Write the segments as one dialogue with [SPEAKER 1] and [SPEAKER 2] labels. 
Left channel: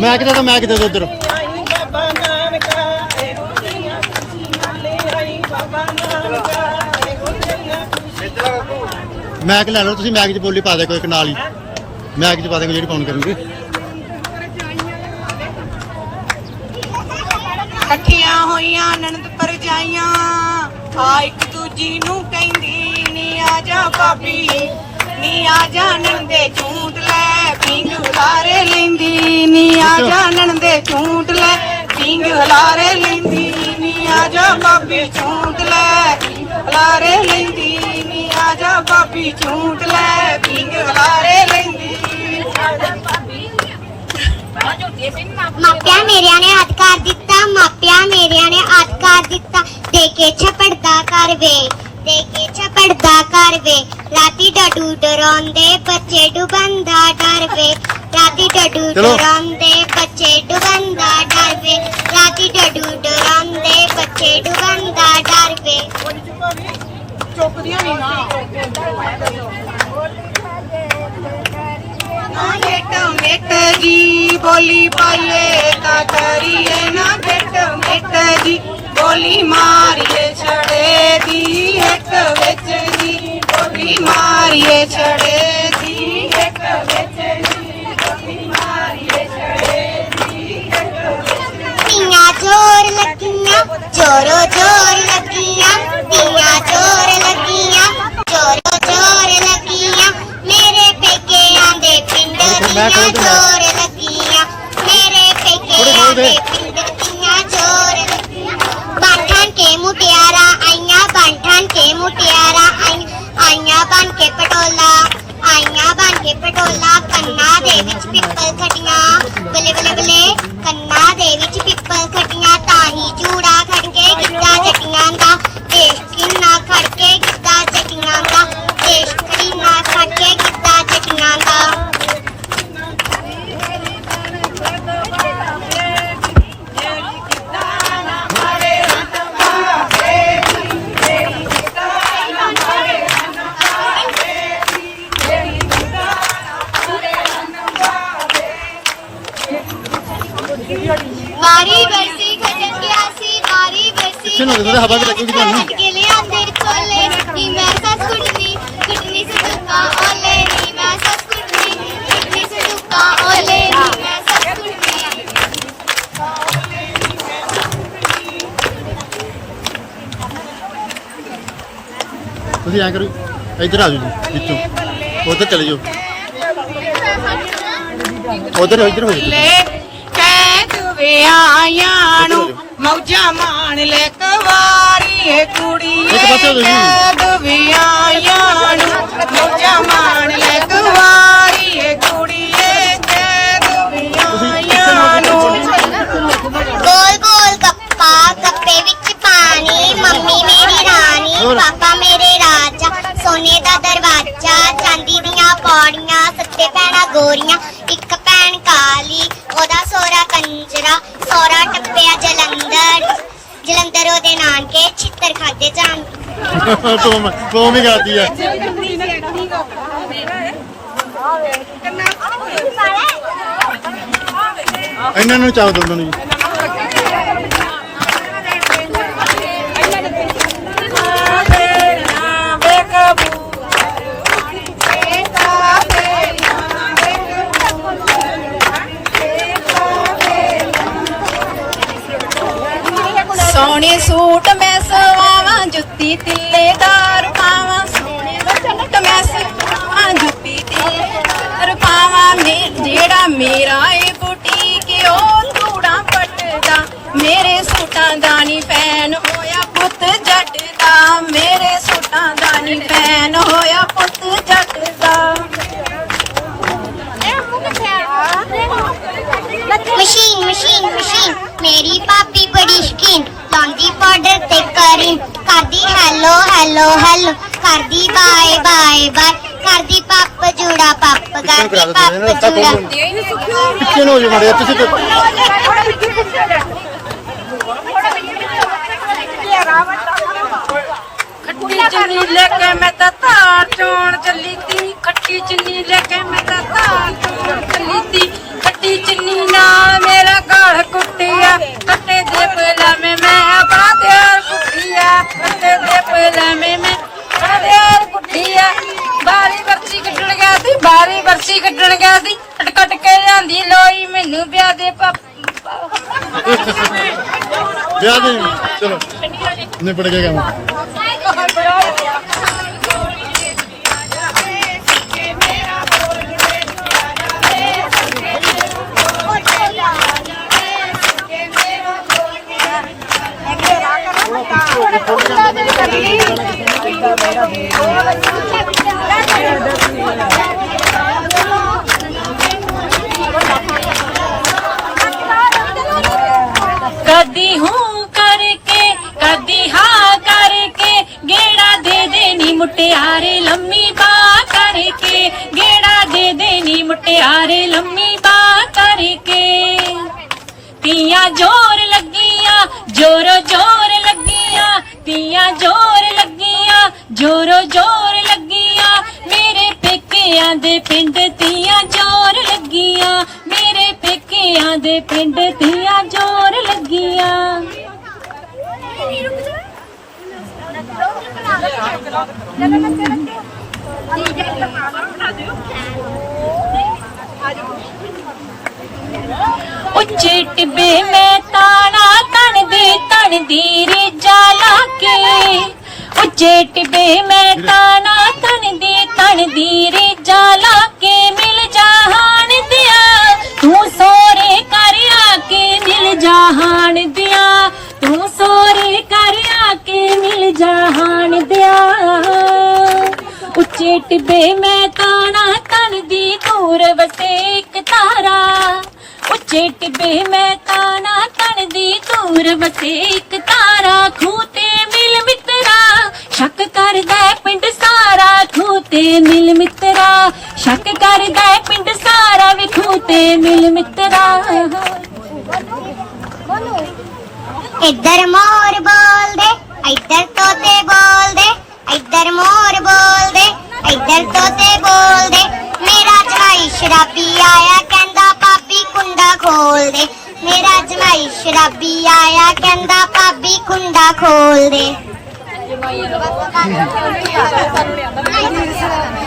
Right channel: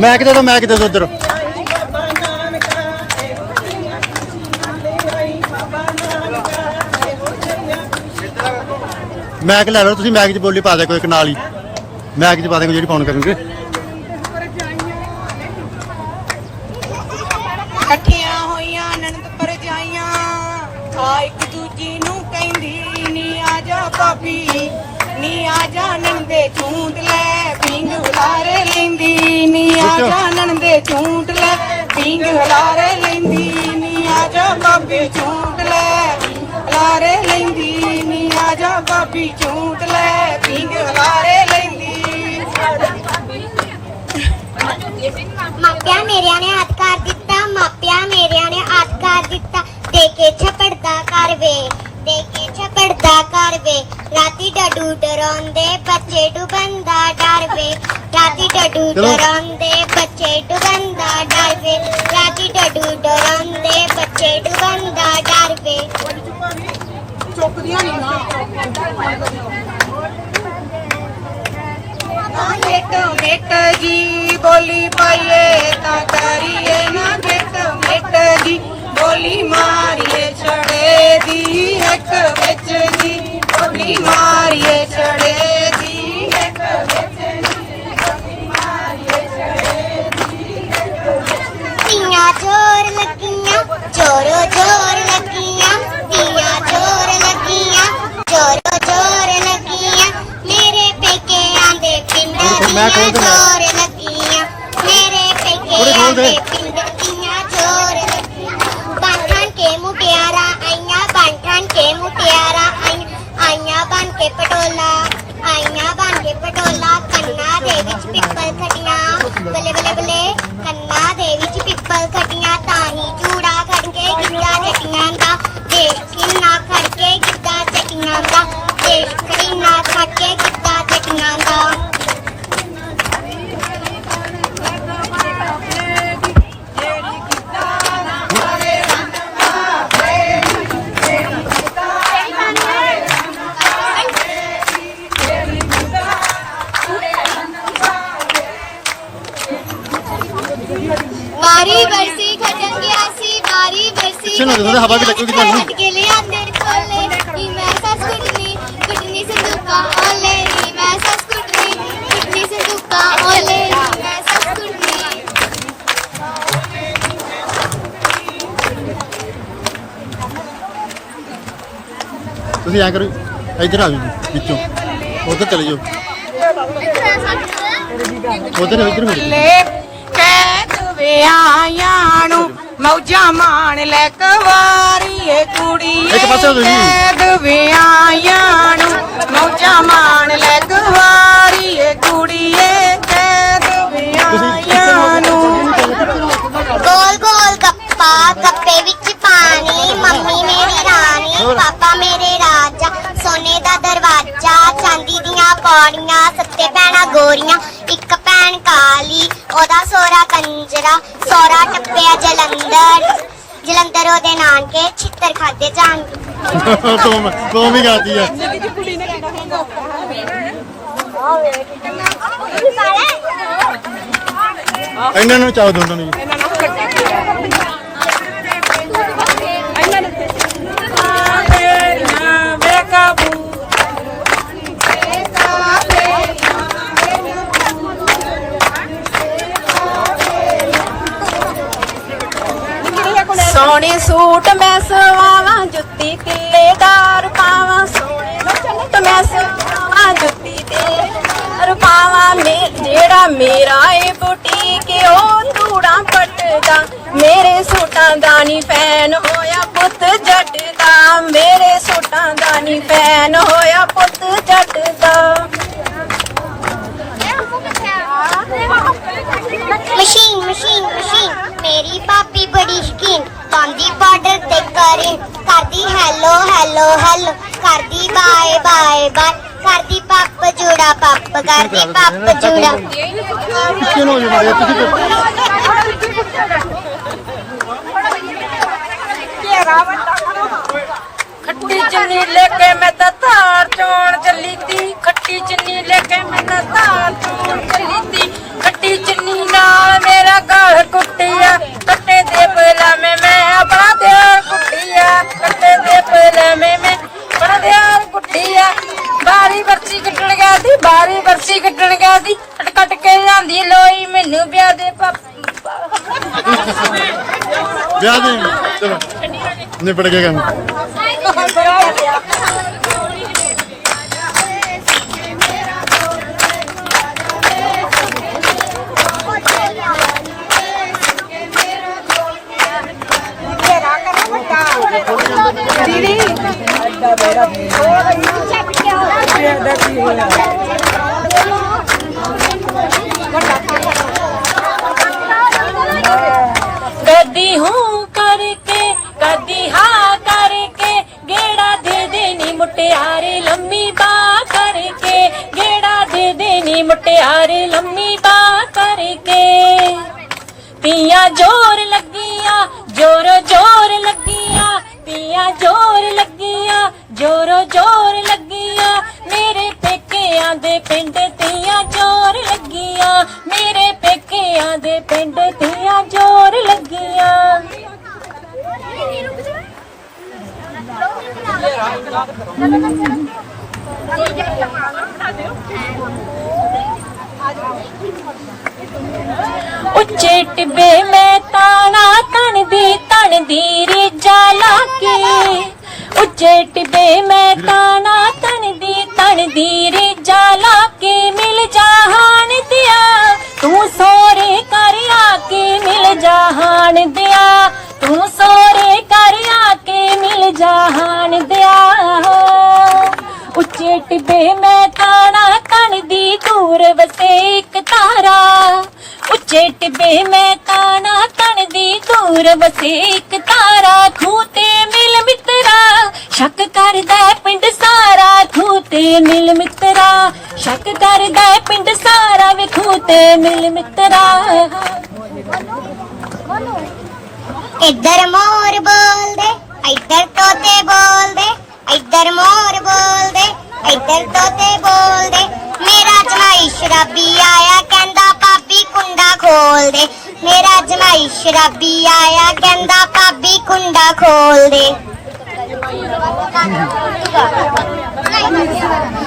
[SPEAKER 1] ਮੈਂ ਕਿਤੇ ਤਾਂ ਮੈਂ ਕਿਤੇ ਤਾਂ ਇੱਧਰ?
[SPEAKER 2] ਆਈ ਬਾਬਾ ਨਾਨਕਾ ਇਹੋ ਜਿਹੀਆਂ ਖੁਸ਼ੀਆਂ ਲੈ ਆਈ ਬਾਬਾ ਨਾਨਕਾ ਇਹੋ ਜਿਹੀਆਂ ਖੁਸ਼ੀਆਂ
[SPEAKER 1] ਮੈਕ ਲੈ ਲਓ ਤੁਸੀਂ ਮੈਕ 'ਚ ਬੋਲੀ ਪਾ ਦੇ ਕੋਈ ਇੱਕ ਨਾਲ ਹੀ। ਮੈਕ 'ਚ ਪਾ ਦੇ ਜਿਹੜੀ ਫੋਨ ਕਰਨਗੇ।
[SPEAKER 2] ਨੰਦੇ ਝੂਟ ਲੈ ਪਿੰਗ ਹੁਲਾਰੇ ਲੈਂਦੀ ਨੀ ਆ ਜਾ ਬਾਬੇ ਝੂਟ ਲੈ ਹੁਲਾਰੇ ਲੈਂਦੀ ਨੀ ਆ ਜਾ ਬਾਬੀ ਝੂਟ ਲੈ ਪਿੰਗ ਹੁਲਾਰੇ ਲੈਂਦੀ।
[SPEAKER 3] ਮਾਪਿਆਂ ਮੇਰਿਆਂ ਨੇ ਹੱਥ ਕਰ ਦਿੱਤਾ ਮਾਪਿਆਂ ਮੇਰਿਆਂ ਨੇ ਹੱਥ ਕਰ ਦਿੱਤਾ। ਦੇ ਕੇ ਛਪੜਦਾ ਕਰ ਵੇ ਦੇ ਕੇ ਛਪੜਦਾ ਕਰ ਵੇ। ਰਾਤੀ ਡਡੂ ਡਰਾਉਂਦੇ ਬੱਚੇ ਡੁੱਬਣ ਦਾ ਡਰ ਵੇ। ਰਾਤੀ ਡਡੂ। ਡਰਾਉਂਦੇ
[SPEAKER 2] ਬੇਟ ਬੇਟ ਜੀ ਬੋਲੀ ਪਾਈਏ ਤਾਂ ਕਰੀਏ ਨਾ ਬੇਟ ਬੇਟ ਜੀ ਬੋਲੀ ਮਾਰੀਏ ਛੜੇ ਦੀ ਇੱਕ ਵਿੱਚ ਜੀ ਬੋਲੀ ਮਾਰੀਏ ਛੜੇ ਦੀ ਇੱਕ ਵਿੱਚ ਜੀ ਬੋਲੀ ਮਾਰੀਏ ਛੜੇ ਦੀ
[SPEAKER 3] ਤੀਆਂ ਚੋਰ ਲੱਗੀਆਂ ਚੋਰੋ ਚੋਰ
[SPEAKER 1] ਮੈਂ ਖੋਲ ਦੇ, ਮੈਂ।
[SPEAKER 3] ਲੱਗੀਆਂ ਮੇਰੇ ਪੇਕੇ
[SPEAKER 1] ਥੋੜ੍ਹੀ ਖੋਲ ਦੇ।
[SPEAKER 3] ਵਾਰੀ ਬਰਸੀ ਖਜਨ ਗਿਆ ਸੀ ਵਾਰੀ ਬਰਸੀ
[SPEAKER 1] ਪਿੱਛੇ ਨੂੰ ਹੋ ਜਾਓ, ਹਵਾ ਵੀ ਲੱਗੂਗੀ ਤੁਹਾਨੂੰ।
[SPEAKER 3] ਕੇ ਲਿਆ ਤੇਰੇ ਕੋਲੇ ਨੀ ਮੈਂ ਸੱਸ ਕੁੱਟਣੀ ਕੁੱਟਣੀ ਸੰਦੂਕਾ ਓਲੇ ਨੀ ਮੈਂ ਸੱਸ ਕੁੱਟਣੀ ਕੁੱਟਣੀ ਸੰਦੂਕਾ ਓਲੇ ਨੀ ਮੈਂ ਸੱਸ ਕੁੱਟਣੀ
[SPEAKER 1] ਤੁਸੀਂ ਐਂ ਕਰੋ ਇੱਧਰ ਆ ਜਾਓ ਜੀ ਵਿੱਚੋਂ ਉਧਰ ਚਲੇ ਜਾਓ ਉਧਰ ਇੱਧਰ ਹੋ ਜਾਓ
[SPEAKER 2] ਲੈ ਕਹਿ ਵਿਆਹਾਂ ਨੂੰ ਮੌਜਾਂ ਮਾਣ ਲੈ ਕਵਾਰੀ ਏ ਕੁੜੀ
[SPEAKER 1] ਇੱਕ ਪਾਸੇ ਹੋ ਜੀ।
[SPEAKER 2] ਕਹਿ ਵਿਆਹਾਂ ਨੂੰ ਮੌਜਾਂ ਮਾਣ ਲੈ ਕਵਾਰੀ ਏ ਕੁੜੀਏ ਕਹਿ ਵਿਆਹਾਂ ਨੂੰ
[SPEAKER 3] ਗੋਲ ਗੋਲ ਗੱਪਾ ਗੱਪੇ ਵਿੱਚ ਪਾਣੀ। ਮੰਮੀ ਮੇਰੀ ਰਾਣੀ ਪਾਪਾ ਮੇਰੇ ਰਾਜਾ। ਸੋਨੇ ਦਾ ਦਰਵਾਜ਼ਾ ਚਾਂਦੀ ਦੀਆਂ ਪੌੜੀਆਂ ਸੱਤੇ ਭੈਣਾਂ ਗੋਰੀਆਂ ਇੱਕ ਭੈਣ ਕਾਲੀ ਉਹਦਾ ਸੋਹਰਾ ਕੰਜਰਾ। ਸੋਹਰਾ ਟੱਪਿਆ ਜਲੰਧਰ। ਜਲੰਧਰ ਉਹਦੇ ਨਾਨਕੇ ਛਿੱਤਰ ਖਾਦੇ ਜਾਣ
[SPEAKER 1] ਤੁਮ ਤੁਮ ਹੀ ਗਾਤੀ ਹੈ ਇਹਨਾਂ ਨੂੰ ਚਾਹ ਦਿਓ ਇਹਨਾਂ ਨੂੰ ਜੀ
[SPEAKER 2] ਜਿਹੜਾ
[SPEAKER 1] ਮੜੇ ਤੁਸੀਂ
[SPEAKER 2] ਖੱਟੀ ਚੁੰਨੀ ਲੈ ਕੇ ਮੈਂ ਤਾਂ ਧਾਰ ਚੋਣ ਚੱਲੀ ਤੀ ਖੱਟੀ ਚੁੰਨੀ ਲੈ ਕੇ ਮੈਂ ਤਾਂ ਧਾਰ ਚੋਣ ਚੱਲੀ ਤੀ ਖੱਟੀ ਚੁੰਨੀ
[SPEAKER 4] ਨਾ ਮੇਰਾ ਗਲ ਕੁੱਟਿਆ। ਕੱਟੇ ਦੇ ਪਹਿਲਾਂ ਮੈਂ ਮੈਂ ਬੜਾ ਧਿਆਨ ਕੁੱਟਿਆ। ਕੱਟੇ ਦੇ ਪਹਿਲਾਂ ਮੈਂ ਮੈਂ ਬੜਾ ਧਿਆਨ ਕੁੱਟਿਆ। ਬਾਰੀ ਬਰਸੀ ਕੱਢਣ ਗਿਆ ਸੀ, ਬਾਰੀ ਬਰਸੀ ਕੱਢਣ ਗਿਆ ਸੀ। ਕੱਟ ਕੇ ਲਿਆਂਦੀ ਲੋਈ ਮੈਨੂੰ ਵਿਆਹ ਦੇ ਪਾਪਾ ਵਿਆਹ ਦੇ ਚਲੋ ਨਿਬੜ ਗਿਆ ਕੰਮ। ਉੱਚੇ ਟਿੱਬੇ ਮੈਂ ਤਾਣਾ ਤਣਦੀ ਤਣਦੀ ਰੇਜਾ ਜਾਲਾ ਕੇ। ਉੱਚੇ ਟਿੱਬੇ ਮੈਂ ਤਾਣਾ ਤਣਦੀ ਤਣਦੀ ਰੇਜਾ ਜਾਲਾ ਕੇ। ਮਿਲ ਜਾ ਹਾਨ ਦਿਆ, ਤੂੰ ਟਿੱਬੇ ਮੈਂ ਤਾਣਾ ਤਣ ਦੀ ਦੂਰ ਵਸੇ ਇੱਕ ਤਾਰਾ। ਉੱਚੇ ਟਿੱਬੇ, ਮੈਂ ਤਾਣਾ ਤਣ ਦੀ ਦੂਰ ਵਸੇ ਇੱਕ ਤਾਰਾ। ਖੂ ਤੇ ਮਿਲ ਮਿੱਤਰਾ, ਸ਼ੱਕ ਕਰਦਾ ਪਿੰਡ ਸਾਰਾ। ਖੂ ਤੇ ਮਿਲ ਮਿੱਤਰਾ, ਸ਼ੱਕ ਕਰਦਾ ਪਿੰਡ ਸਾਰਾ। ਵੀ ਖੂ ਤੇ ਮਿਲ ਮਿੱਤਰਾ।
[SPEAKER 3] ਇੱਧਰ ਮੋ ਸ਼ਰਾਬੀ ਆਇਆ, ਕਹਿੰਦਾ ਭਾਬੀ ਕੁੰਡਾ ਖੋਲ ਦੇ।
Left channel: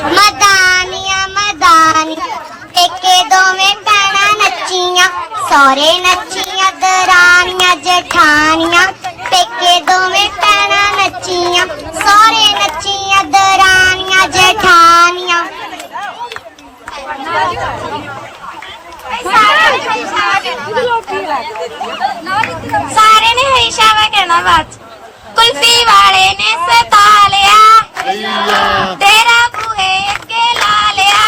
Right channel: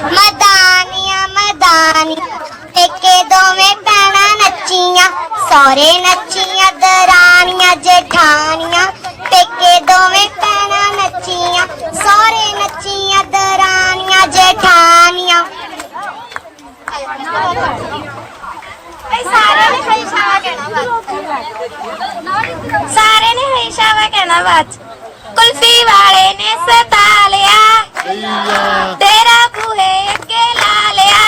[SPEAKER 3] ਮਦਾਨੀਆਂ ਮਦਾਨੀ ਟੇਕੇ ਦੋਵੇਂ ਪੈਣਾ ਨੱਚੀਆਂ ਸੋਰੇ ਨੱਚੀਆਂ ਦਰਾਨੀਆਂ ਜਠਾਣੀਆਂ ਟੇਕੇ ਦੋਵੇਂ
[SPEAKER 4] ਸਾਰੇ ਨੇ ਹਮੇਸ਼ਾ ਵਾ ਕਹਿਣਾ ਬਾਤ ਕੁਲਫੀ ਵਾਲੇ ਨੇ ਸਤਾ ਲਿਆ।
[SPEAKER 1] ਸਈਆ
[SPEAKER 4] ਤੇਰਾ ਬੂਹੇ ਅੱਗੇ ਲਾ ਲਿਆ।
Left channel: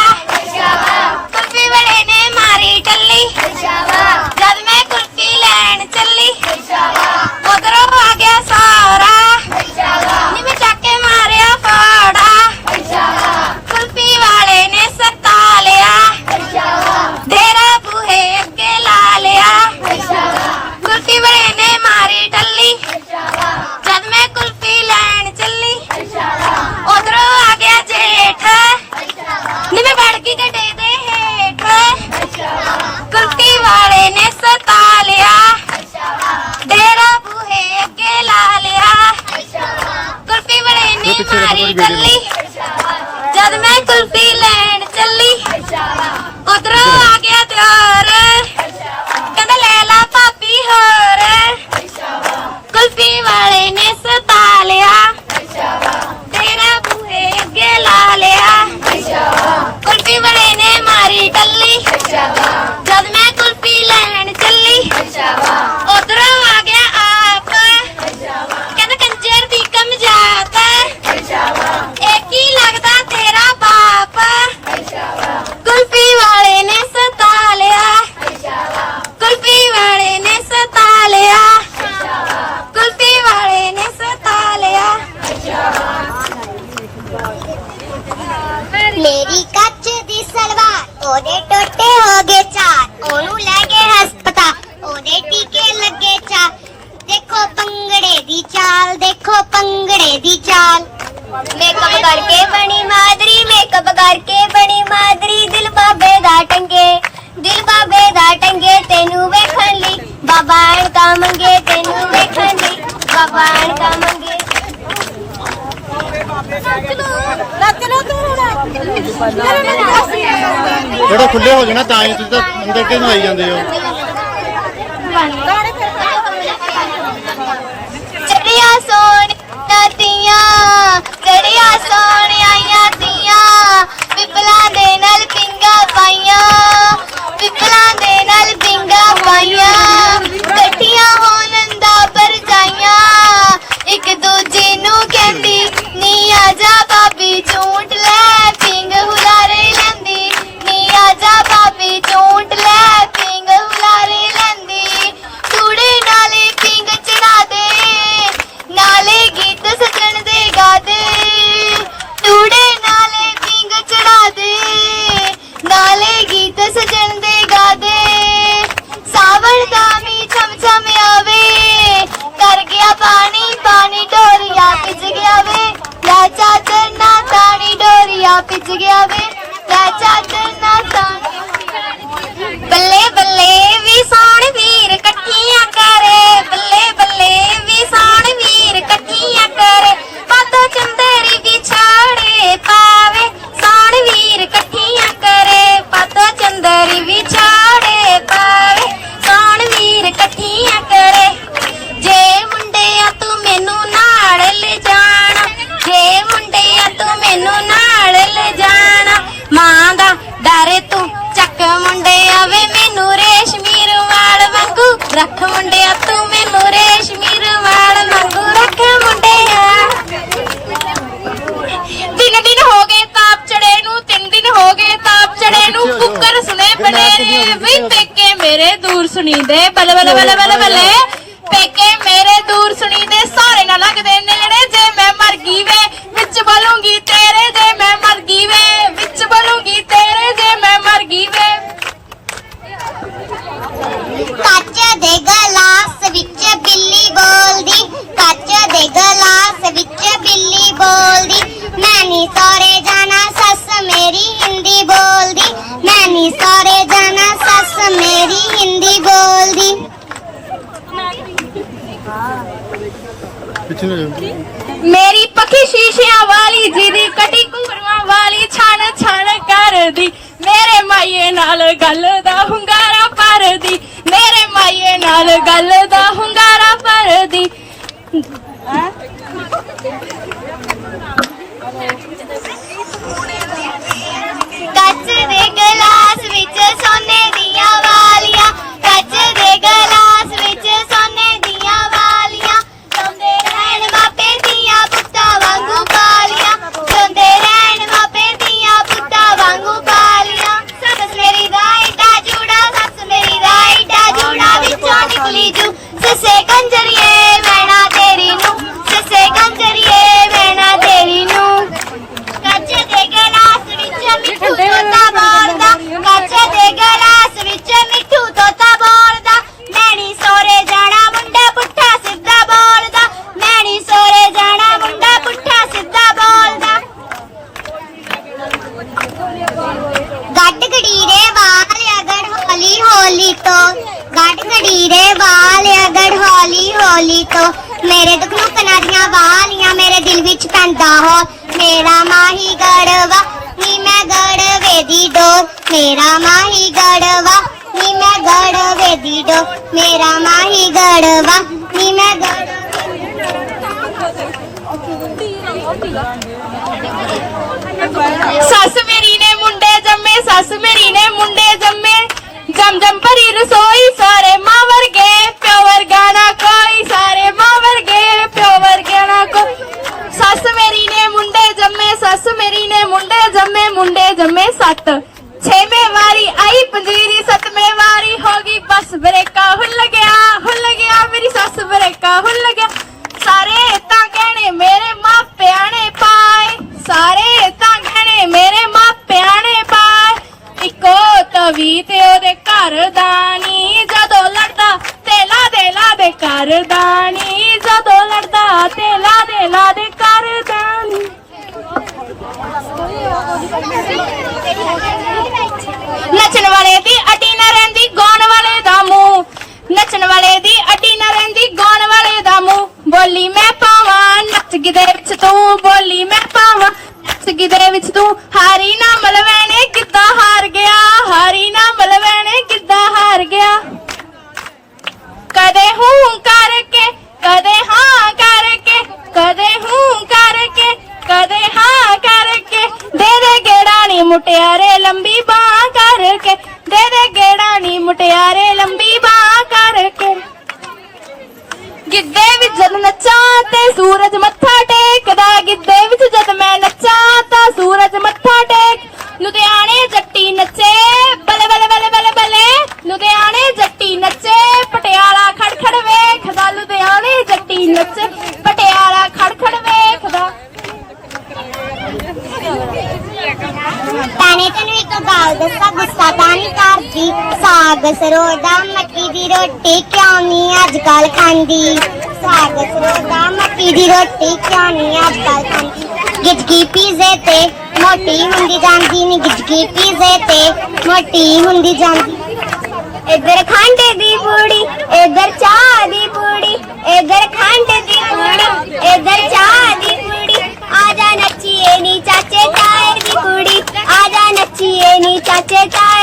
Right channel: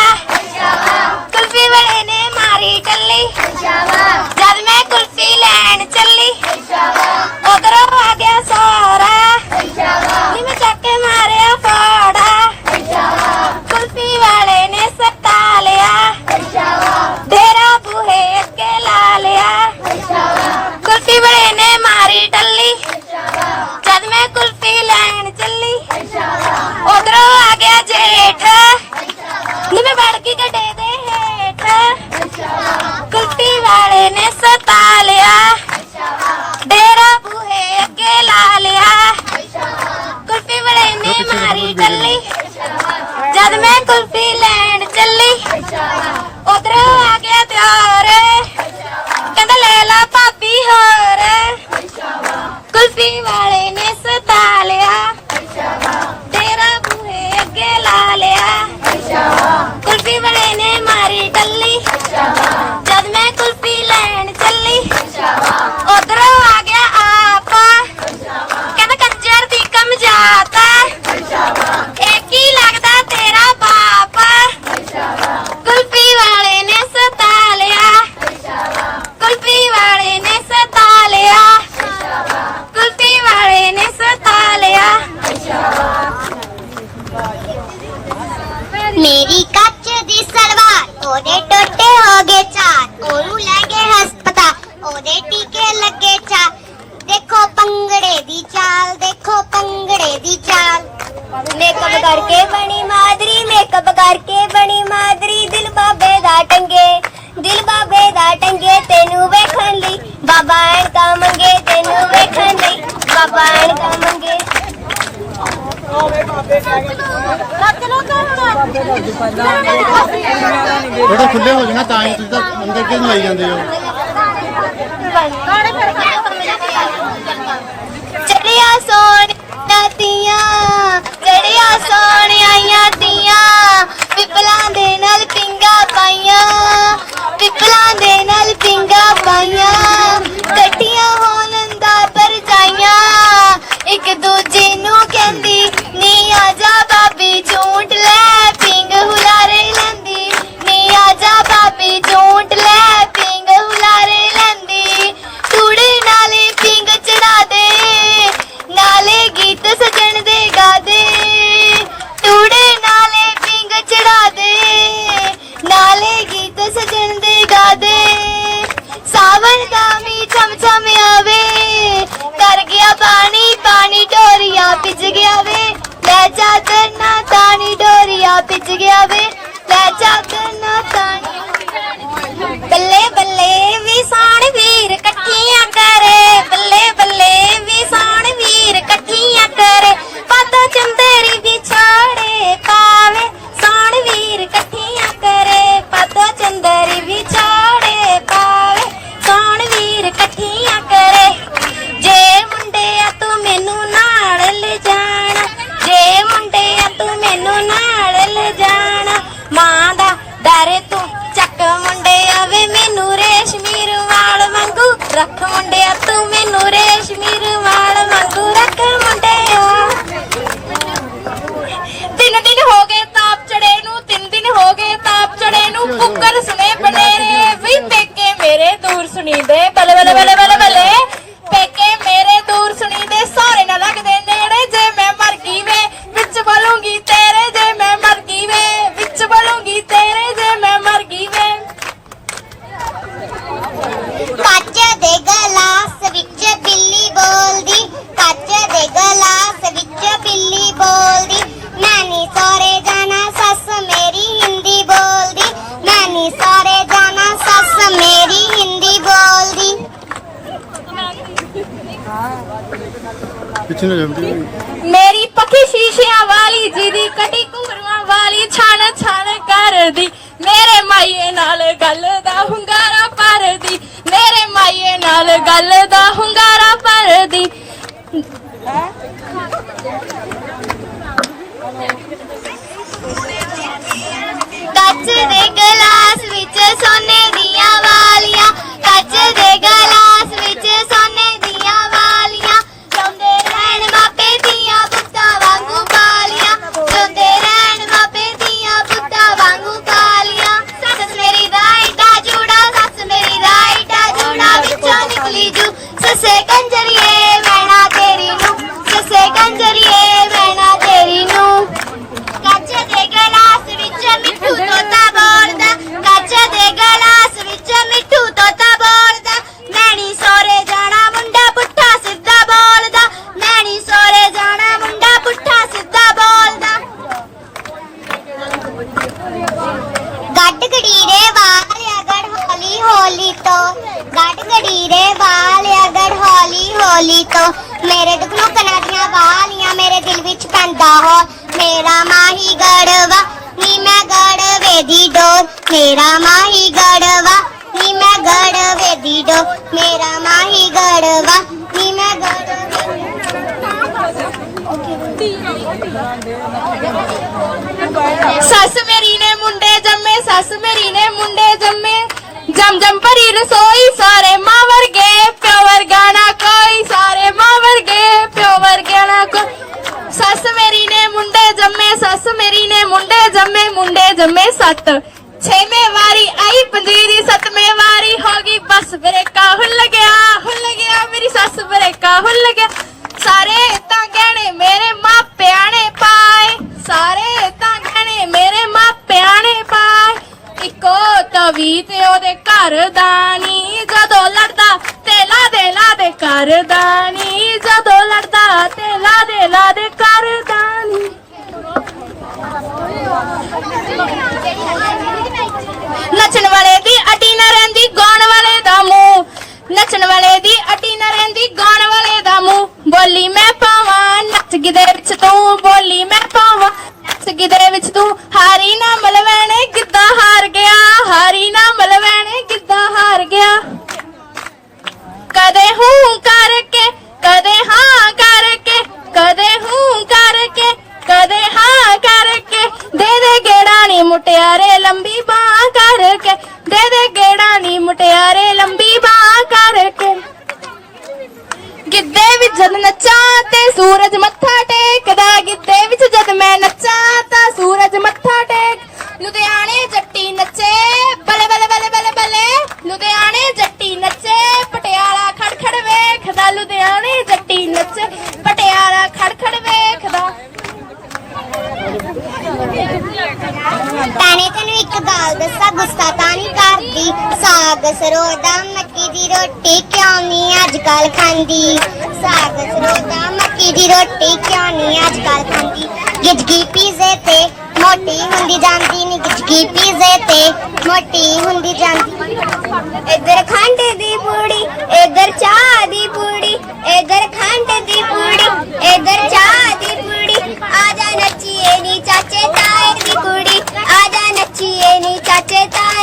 [SPEAKER 4] ਕੁਲਫੀ ਵਾਲੇ ਨੇ ਮਾਰੀ ਟੱਲੀ।
[SPEAKER 3] Michael
[SPEAKER 1] ਥੋੜਾ ਖੁੱਲੇ ਹੋ ਜਾਣਾ ਤਾਂ ਹੀ ਤੁਸੀਂ ਤਾਂ ਅੰਦਰ ਕਿਉਂ ਆਈ ਜਾਂਦੇ ਹੋ?
[SPEAKER 5] ਚੜਿਆ ਸੋਹਣੀਆਂ ਤੀਆਂ, ਚੜਿਆ ਸੋਹਣੀਆਂ ਤੀਆਂ, ਪਿਪਲਾਂ ਦੇ ਨਾਲ ਪਿੰਗਾ ਪਾਈਆਂ, ਪਿਪਲਾਂ ਦੇ ਨਾਲ ਪਿੰਗਾ ਪਾਈਆਂ ਇਕੱਠੀਆਂ ਹੋਣ ਦਾ ਪਰਜਾਈਆਂ ਇੱਕ ਦੂਜੀ ਨੂੰ ਕਹਿੰਦੀ, ਨੀ ਆ ਜਾ ਬਾਬੀ ਝੂਟ ਗਿਆ ਵੇ। ਲੈ ਜਾ ਕਰਨਾ ਤਾਣੀ ਡੋਰੀਆ ਭਿੱਜ ਗਿਆ ਵੇ। ਮੇਰੇ ਨਾਲ ਗੱਲ ਦਾ ਹੁੰਗਾਰਾ ਭਰਦੀ। ਕੱਚ ਦੇ ਗਲਾਸ ਵਿੱਚ ਸੋਨੇ ਦੀਆਂ ਵਾਲੀਆਂ ਕੱਚ ਸੱਸ ਮੇਰੀ ਨੇ ਮੁੰਡੇ ਜੰਮੇ, ਸੱਸ ਮੇਰੀ ਨੇ ਮੁੰਡੇ ਜੰਮੇ। ਜਮ ਜਮ ਭਰੀ ਰਸੋਈ ਸਾਰੇ ਮਾਂ ਵਰਗੇ, ਪਿਓ ਵਰਗਾ ਨਾ ਕੋਈ, ਸਾਰੇ ਮਾਂ ਵਰਗੇ, ਪਿਓ ਵਰਗਾ ਨਾ ਕੋਈ। ਸੱਸ ਮੇਰੀ ਨੇ ਮੁੰਡੇ ਜੰਮੇ, ਸੱਸ ਮੇਰੀ ਨੇ ਮੁੰਡੇ ਜੰਮੇ ਮੁੰਡੇ ਜੰਮੇ ਸੱਤ। ਛੇਵੇਂ ਵਾਰੀ ਆਈ ਪੰਜੀਰੀ, ਸੱਤਵੇਂ ਵਾਰੀ ਹੋ ਗਈ, ਬਸ ਬਰੇਕਾ ਹੁੱਲ ਗਿਆ ਹੁੱਲ ਗਿਆ, ਮੇਰੀ ਸੱਸ ਬਰੇਕਾ ਹੁੱਲ ਗਿਆ। ਸਾਰੇ ਤਾਂ ਗਹਿਣੇ ਮੇਰੇ ਮਾਪਿਆਂ ਨੇ ਪਾਏ, ਸਾਰੇ ਤਵੀ ਤੇ ਉਹਦੇ ਘਰ ਦਾਨੀ ਜਦੋਂ ਲੜਦਾ ਤੇ ਲਾ ਦੇ ਘਰ ਦਾਨੀ ਜਦੋਂ ਲੜਦਾ ਤੇ ਲਾ ਦੇ ਘਰ ਦਾਨੀ ਨੱਚਣ ਵਾਲੇ ਦੀ ਅਟੀ ਨਾ ਰਹਿੰਦੀ, ਗਾਉਣ ਵਾਲੇ ਦਾ ਮੂੰਹ। ਨੱਚਣ ਵਾਲੇ ਦੀ ਅਟੀ ਨਾ ਰਹਿੰਦੀ, ਗਾਉਣ ਵਾਲੇ ਦਾ ਮੂੰਹ। ਬੋਲੀ ਮੈਂ ਪਾਵਾਂ, ਨੱਚ ਗਿਦੇ ਵਿੱਚ ਤੂੰ ਬੋਲੀ ਮੈਂ ਪਾਵਾਂ। ਸਗਿਦੇ ਵਿੱਚ ਤੂੰ ਹਾਰੀ
[SPEAKER 4] ਨਾ ਮਲਵੈਣੇ ਕਿੱਦਾਂ ਹਾਰ ਗਿਆ? ਹਾਰੀ ਨਾ ਮਲਵੈਣੇ ਕਿੱਦਾਂ ਹਾਰ ਗਿਆ? ਕਦੇ ਹੂੰ ਕਰਕੇ, ਕਦੇ ਹਾਂ ਕਰਕੇ, ਕਦੇ ਹੂੰ ਕਰਕੇ, ਕਦੇ ਹਾਂ ਕਰਕੇ। ਦੇ ਦੇ ਗੇੜਾ ਨੀ ਮੁਟਿਆਰੇ, ਲੰਬੀ ਬਾਹ ਕਰਕੇ। ਦੇ ਦੇ ਗੇੜਾ ਨੀ ਮੁਟਿਆਰੇ, ਲੰਬੀ ਬਾਹ ਕਰਕੇ। ਗਿੱਦੇ ਵਿੱਚ ਜਦ ਨੱਚਾ
[SPEAKER 5] ਤੇ ਸੂਰਜ ਮੱਥਾ ਸਾਗ ਸਰੋਦਾ ਮੱਕੀ ਦੀ ਰੋਟੀ ਕਿਉਂ ਨਹੀਂ ਅੱਜ ਕੱਲ ਖਾਂਦੀ? ਸਾਗ ਸਰੋਂ ਮੱਕੀ ਦੀ ਰੋਟੀ ਕਿਉਂ ਨਹੀਂ ਅੱਜ ਕੱਲ ਖਾਂਦੀ? ਗਿਜਗੀ ਪੀਜ਼ੇ ਤੇ ਮੋਟੀ ਹੁੰਦੀ ਜਾਂਦੀ ਨਹੀਂ ਗਿਜਗੀ ਪੀਜ਼ੇ ਤੇ ਮੋਟੀ ਹੁੰਦੀ ਜਾਂਦੀ। ਇੱਧਰ ਖੰਡ ਦੀ ਪੂੜੀ, ਇੱਧਰ ਚਾਹ ਦੀ ਪੂੜੀ, ਇੱਧਰ ਖੰਡ ਦੀ ਪੂੜੀ, ਇੱਧਰ ਚਾਹ ਦੀ ਪੂੜੀ। ਆ ਜਾ ਨੱਚੀਏ ਨੀ ਚਾਚੇ ਤਾਏ ਦੀ ਕੁੜੀ, ਆ ਜਾ ਨੱਚੀਏ ਨੀ ਚਾਚੇ ਤਾਏ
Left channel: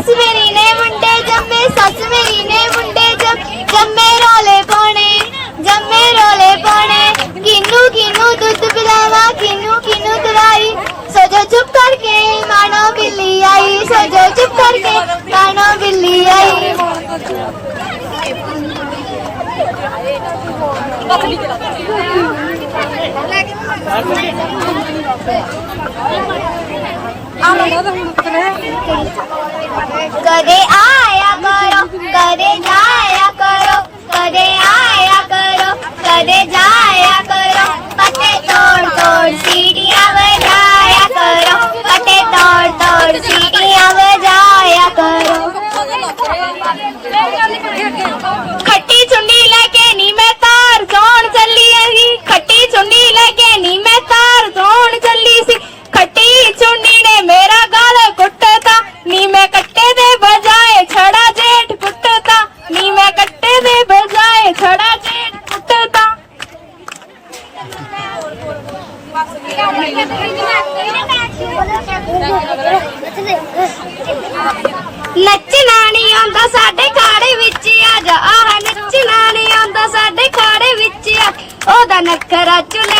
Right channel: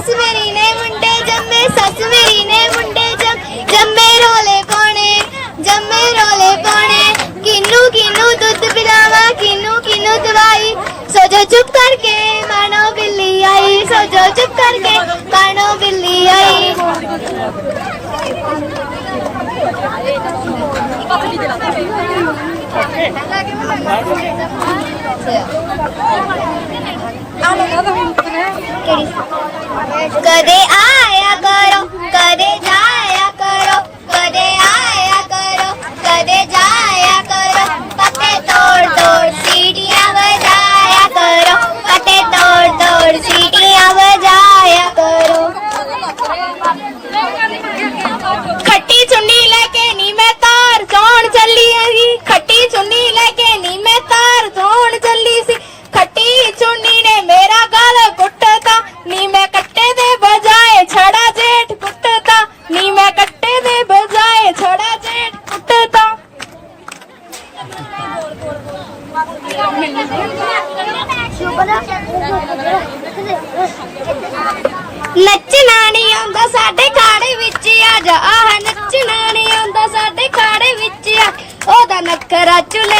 [SPEAKER 5] ਸੱਸ ਮੇਰੀ ਨੇ ਮੁੰਡੇ ਜੰਮੇ, ਸੱਸ ਮੇਰੀ ਨੇ ਮੁੰਡੇ ਜੰਮ, ਜੰਮੇ ਰੋਲੇ ਪਾਉਣੇ, ਜੰਮੇ ਰੋਲੇ ਪਾਉਣੇ। ਕਿਨੂੰ ਕਿਨੂੰ ਦੁੱਧ ਪਿਲਾਵਾ, ਕਿਨੂੰ ਕਿਨੂੰ ਦਵਾਈ। ਸਜੋ ਚੁੱਪ ਕਰਕੇ ਮਾਨੋ ਬਿੱਲੀ ਆਈ, ਸਜੋ ਚੁੱਪ ਕਰਕੇ ਮਾਨੋ ਬਿੱਲੀ ਆਈ। ਕਦੇ ਆਇਆ ਕਰੋ ਕਦੇ ਜਾਇਆ ਕਰੋ ਕਦੇ ਆਇਆ ਕਰੋ ਕਦੇ ਜਾਇਆ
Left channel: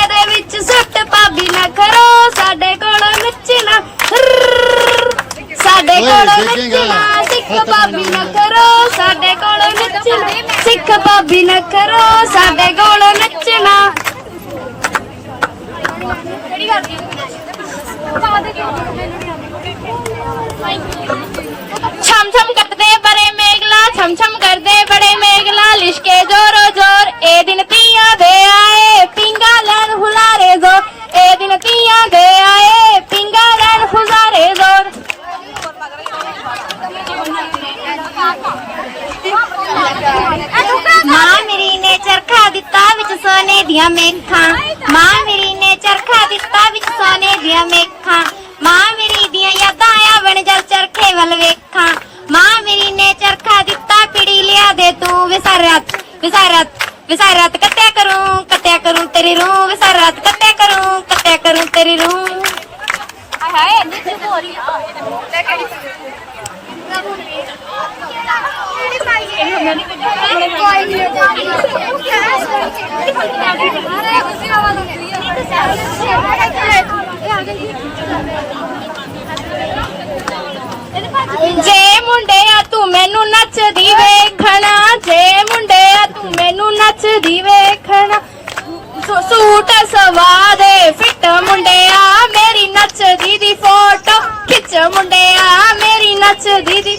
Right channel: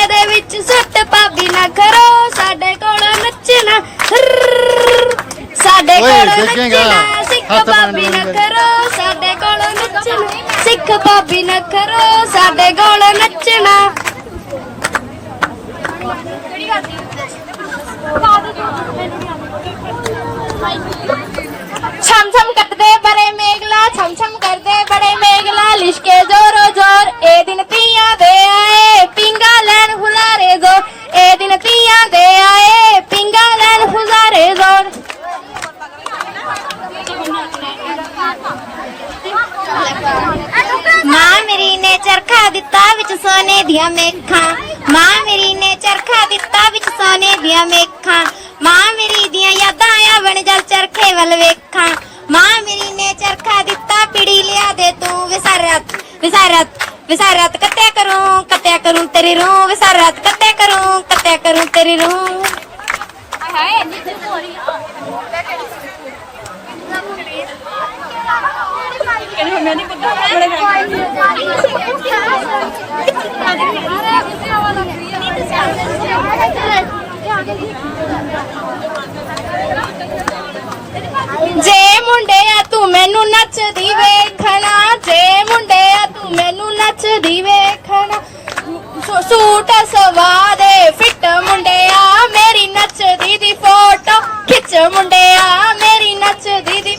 [SPEAKER 5] ਚੁੱਲ੍ਹੇ ਦੇ ਵਿੱਚ ਸੁੱਟ ਪਾਬੀ ਨਾ ਕਰੋ ਸਾਡੇ ਕੋਲ ਨੱਚਣਾ। ਸਾਡੇ
[SPEAKER 1] ਓਏ,
[SPEAKER 5] ਕੋਲ
[SPEAKER 1] ਦੇਖੇਂਗਾ।
[SPEAKER 5] ਨੱਚਣਾ, ਸਿੱਖ
[SPEAKER 1] ਹੱਥ ਨਾਲ
[SPEAKER 5] ਭਾਬੀ ਨਾ
[SPEAKER 1] ਬੋਲ।
[SPEAKER 5] ਕਰੋ ਸਾਡੇ ਕੋਲ ਨੱਚਣਾ ਸਿੱਖ ਭਾਬੀ ਨਾ ਕਰੋ ਸਾਡੇ ਕੋਲ ਨੱਚਣਾ
[SPEAKER 4] ਛਮ ਛਮ ਕੱਟਦੇ ਬੜੇ ਮੇਗਲਾ ਛਮ ਛਮ ਕਰਦੇ ਬੜੇ ਮੇਗਲਾ ਲਿਸ਼ਕੇ ਜ਼ੋਰੋ ਜ਼ੋਰ ਇਹ ਦਿਨ ਤੀਆਂ
[SPEAKER 5] ਦੀਆਂ ਮੇਖਾਂ। ਮਾਂ ਮੇਰੀ ਨੇ ਚਰਖਾ ਦਿੱਤਾ ਵਿੱਚ ਸੋਨੇ ਦੀਆਂ ਮੇਖਾਂ।
[SPEAKER 4] ਸੂਟ ਸਵਾ ਦੇ ਫਿੱਟ ਮੁੰਡਿਆ ਮੇਰੀ ਨੱਚਦੀ ਦੀ ਫੋਟੋ ਖਿੱਚ ਮੁੰਡਿਆ ਮੇਰੀ ਨੱਚਦੀ ਦੀ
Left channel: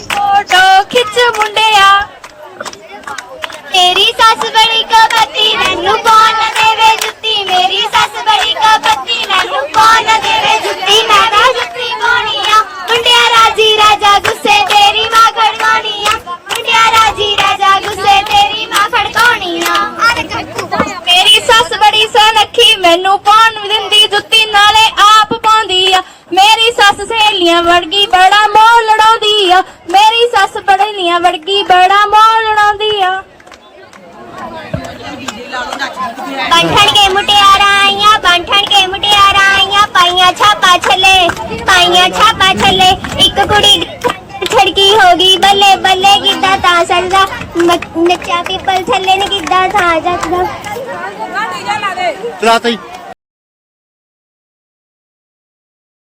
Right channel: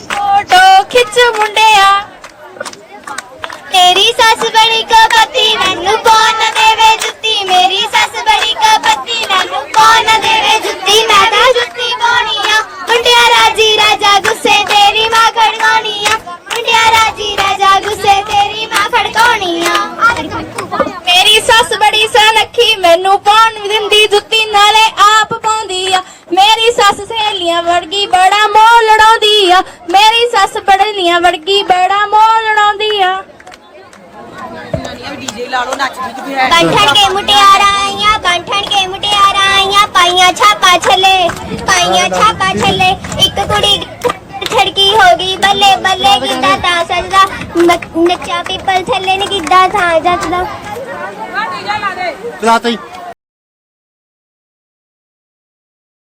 [SPEAKER 5] ਬੰਠਣ ਕੇ ਮੁਟਿਆਰਾਂ ਬੰਠਣ ਕੇ ਮੁਟਿਆਰਾਂ ਪਾਈਆਂ ਛਾਪਾ ਛੱਲੇ ਪਾਈਆਂ ਛਾਪਾ ਛੱਲੇ ਇੱਕ ਕੁੜੀ ਛੜਕੀ ਹੋ ਗਈ ਬੱਲੇ ਬੱਲੇ ਕਿੱਦਾਂ ਤਾਂ ਸੱਜਦਾ ਨੱਚਾ ਪੀਪਲ ਥੱਲੇ ਨੀ ਕਿੱਦਾਂ ਤਾਂ ਜੱਜਦਾ
[SPEAKER 1] ਚਲਾਤਾ ਹੀ